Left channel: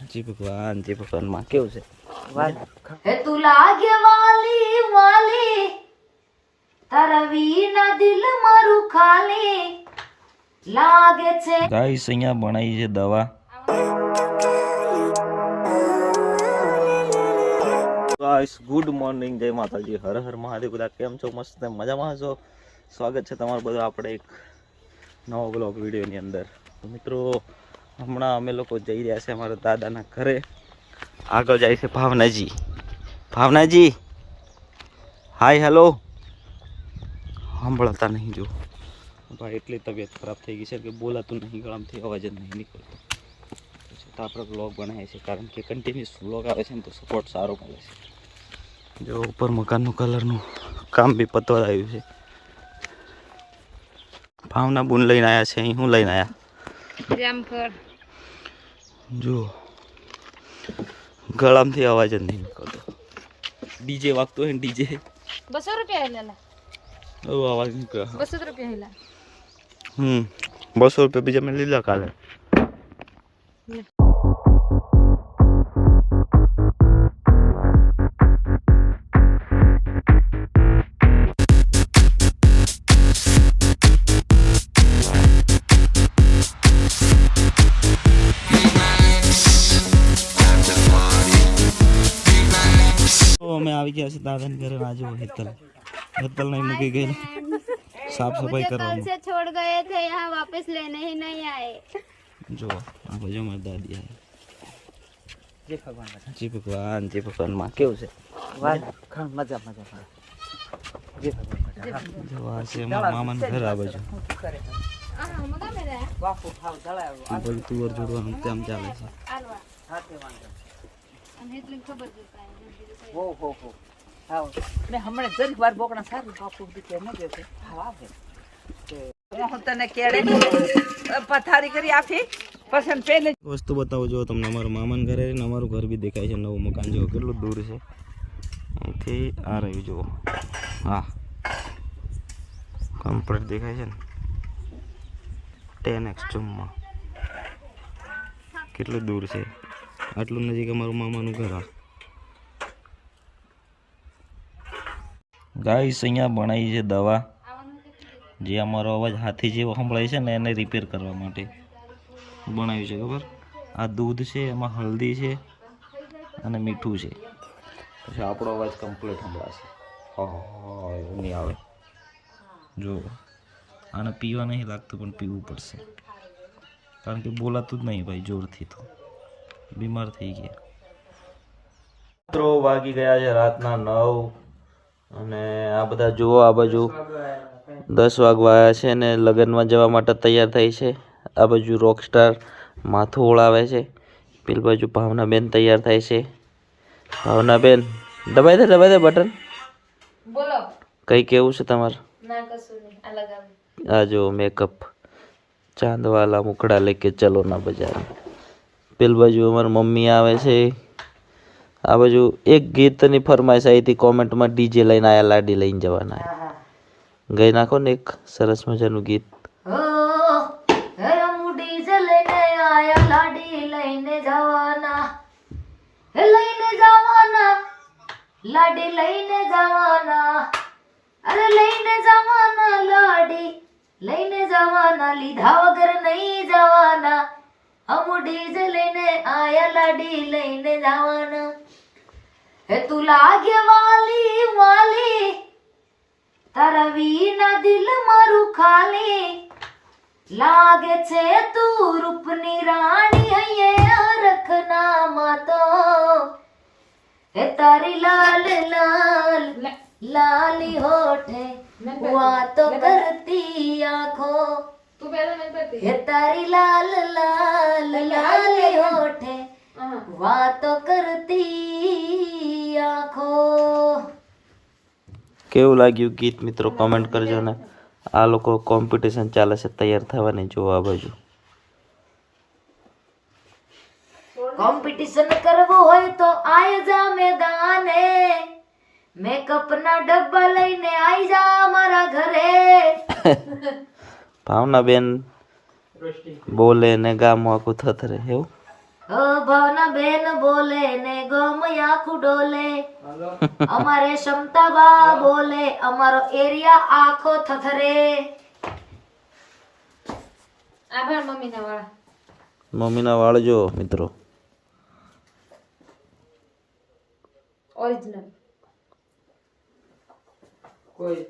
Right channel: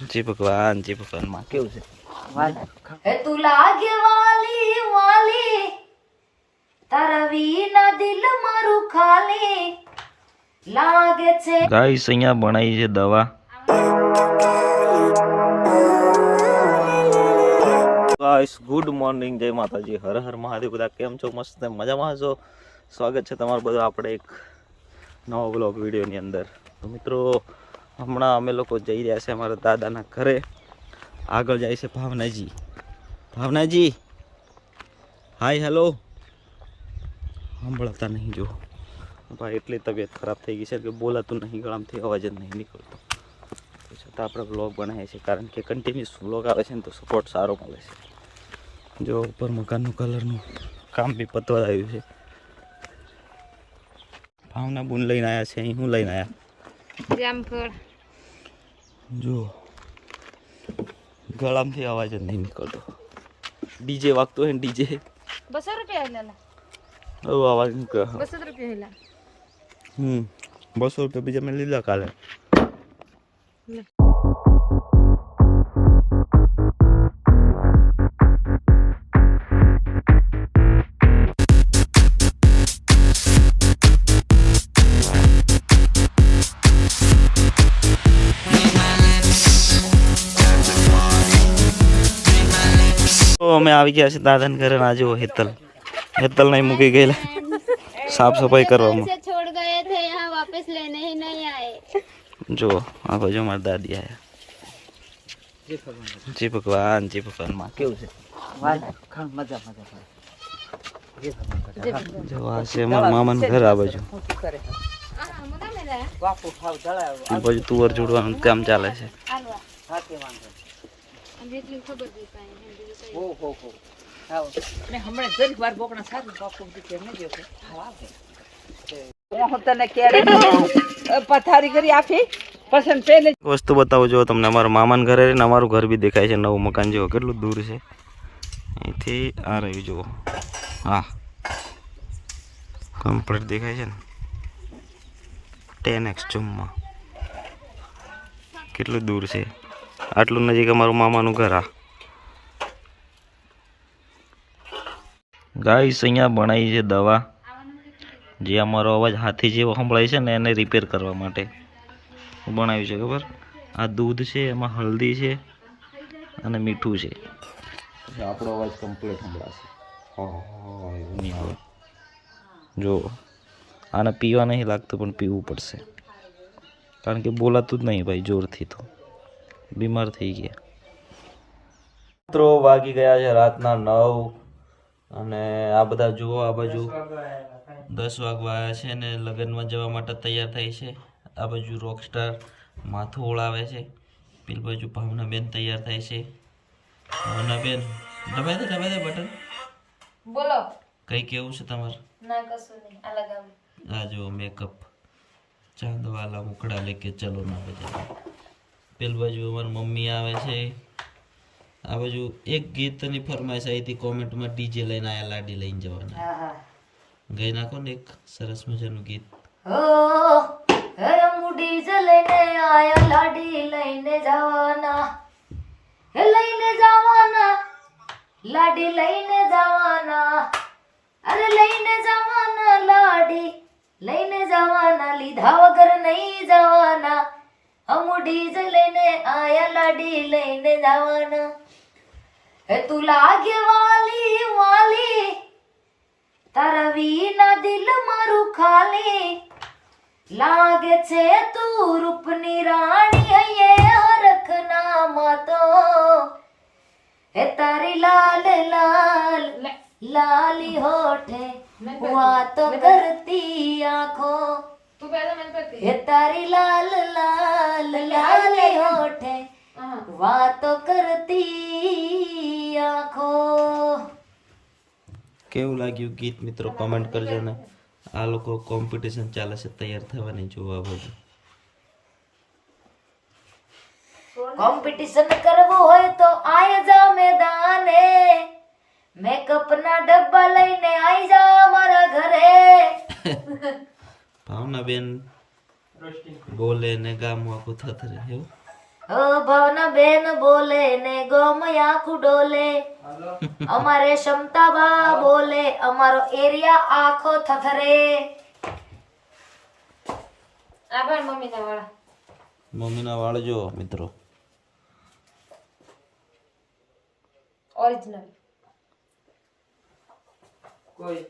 જી ભગવાન માં કેવું છે હે તું લાગે વાલી વાલી તારા વિના દિલ મારું ખાલી લાગે છે ગાઈસ અહીંયા બનાવી છે દવા ગાઈસ ગુડ મોર્નિંગ જય માતાજી હર હર મહાદેવ બધા કેમ છો મસ્ત મજામાં છો સ્વાગત છે તમારું બધું આપણે એક નવો બ્લોગ વિડીયોની અંદર તો મિત્રો હમણાં અમે લોકો જઈ રહ્યા છે અમારા દાદાના ઘરે આગળ જાય છે ભાવનાજી હાય હેલો સાંભળતા નહીં જો ભાઈ એટલી તબિયત ખરાબ થઈ ગઈ છે કે બોલાતું નહીં ગળામાંથી અવાજ જ નહીં નીકળતો તો છતાં આપણે બ્લોગ બનાવીએ છીએ કારણ કે કન્ટિન્યુઅસ બ્લોગ આવે છે ને તો સપોર્ટ સારો મળે છે જો ઉપર મકાનનું કલરનું કામ બી પતવા આવ્યું છે ભાવના બૂન લઈને આવ્યા છે અહીં હું લઈને આવ્યા જામફળ જો ગળામાંથી અવાજ જ નહીં નીકળતો ડીજે વાગતો હોય ને ડીજે 200 રૂપિયા હેલા એવો અવાજ નીકળે 200 રૂપિયા હેલા 200 રૂપિયા બીજા મેં લીધા કાલે અમે આવી ગયા છે દાદાને ઘરે ના જો હેતલ नहीं मुकी गए साफ सफाई करवा छोड़ गए थे यहाँ वापस लेने ही नहीं आए जो आप जो हमारे दादी आया जी भगवान माँ क्यों से जो आ से हमारे मामा ने घर आ बाजू बाजू तुअर जोड़વાનું કામ ચાલે છે હમણાં જરી વાર બોકણા સારું બાપુ દીકરે ન દેતો હું તને કે પથારી કરી આપી પસંદ પહેલે વસ્તુ બતાવો જો તમને અમારા મામાના ઘરે ને અમારું ઘર બી દેખાય છે નવું મકાન જો કેટલું દૂર છે અહીંથી આ રહ્યું જુઓ હા કમ્પ્લીટ દેખાય છે ને 10x ઝૂમમાં કેટલું દૂર છે આટલું નજીક અમારું મામાનું ઘર આ ગાઈસ અહીંયા બનાવી છે દવા જે અમારો અવાજ હાથી જેવો સંભળાય છે ને એને રિપેર કરવા માટે બનાવ્યું છે ખબર આ દૂધ છે એમાં હળદી છે અને મીઠું છે જે આપણો અવાજ કમ્પ્લીટ સંભળાશે એવું નહીં આવે જો આને પીવા નહીં લાગતું પણ પીવું પડશે કારણ કે બોલાતું જ નહીં ભાઈ જોરથી તો બીમાર થઈ ગયા મિત્રો વાગી ગયા છે રાતના 9 અને આ બધા જુઓ આ બાજુ 10 વાગવા આવ્યા છે ને લગ્નમાં જવા માટે તૈયાર થઈ છે આ બાજુ રોકસ્ટાર માથું ઓળાવે છે પેલી બાજુ ભાવનાબેન તૈયાર થાય છે ભાવનાબેન દબાઈ દે બટન બોલો કઈ કેવું છે તમારે ના કશું નહીં આ લગાવી આ જો મેકઅપ ચાંદવાલા મુખડા લેકે ચલો ના બજાર પેલી બાજુ અમારી મમ્મી આવે છે આ બાજુ એક ગીતની ફરમાઈશ આવી હતી કોમેન્ટમાં ડીજે લઈને આયા લાડી લઈને જવાના ગઈ નાખો ને એક સરસ મજાનું ગીત હો હે મુડી જ લઈને આયા લાડી લઈને જવાના હે લઈને જવાના લાડી લઈને જવાના અરે લઈને જવાના લાડી લઈને જવાના લીધા વગર નહીં જવાના અમુડી જ લઈને આયા લાડી લઈને જવાના હે તું લાગે વાલી વાલી તારા વિના દિલ મારું ખાલી લાગે છે તું રૂપની રાણી હૈયે રખના માતો હે તારી લાલ લાલ લાલી હોઠે વાતો કરતી આંખો હે તારી લાલ લાલ લાલી હોઠે વાતો કરતી આંખો કેવું લાગ્યું ગીત મિત્રો કમેન્ટ કરજો ને આ લોકો કોમ્પિટિશન ચાલે છે તૈયાર થવાની જોવા બાજુ કોમ્પિટિશન કરવું હોય તો આય જા મેદાને મેકઅપ ના ડબ્બા લઈને આઈ જા મારા ઘરે ભાવનાબેન બોલે ને ગામ આખું થથરે એવું ભાવના બેન બોલે ને ગમ આખું ડોલે અમારે ક્ષમતાબા બોલે અમારો એરિયા આખો થથરે. આભાર મમ્મીના વાળા. મમ્મીના વાળ જો મિત્રો, ઓરિજિનલ. કોઈ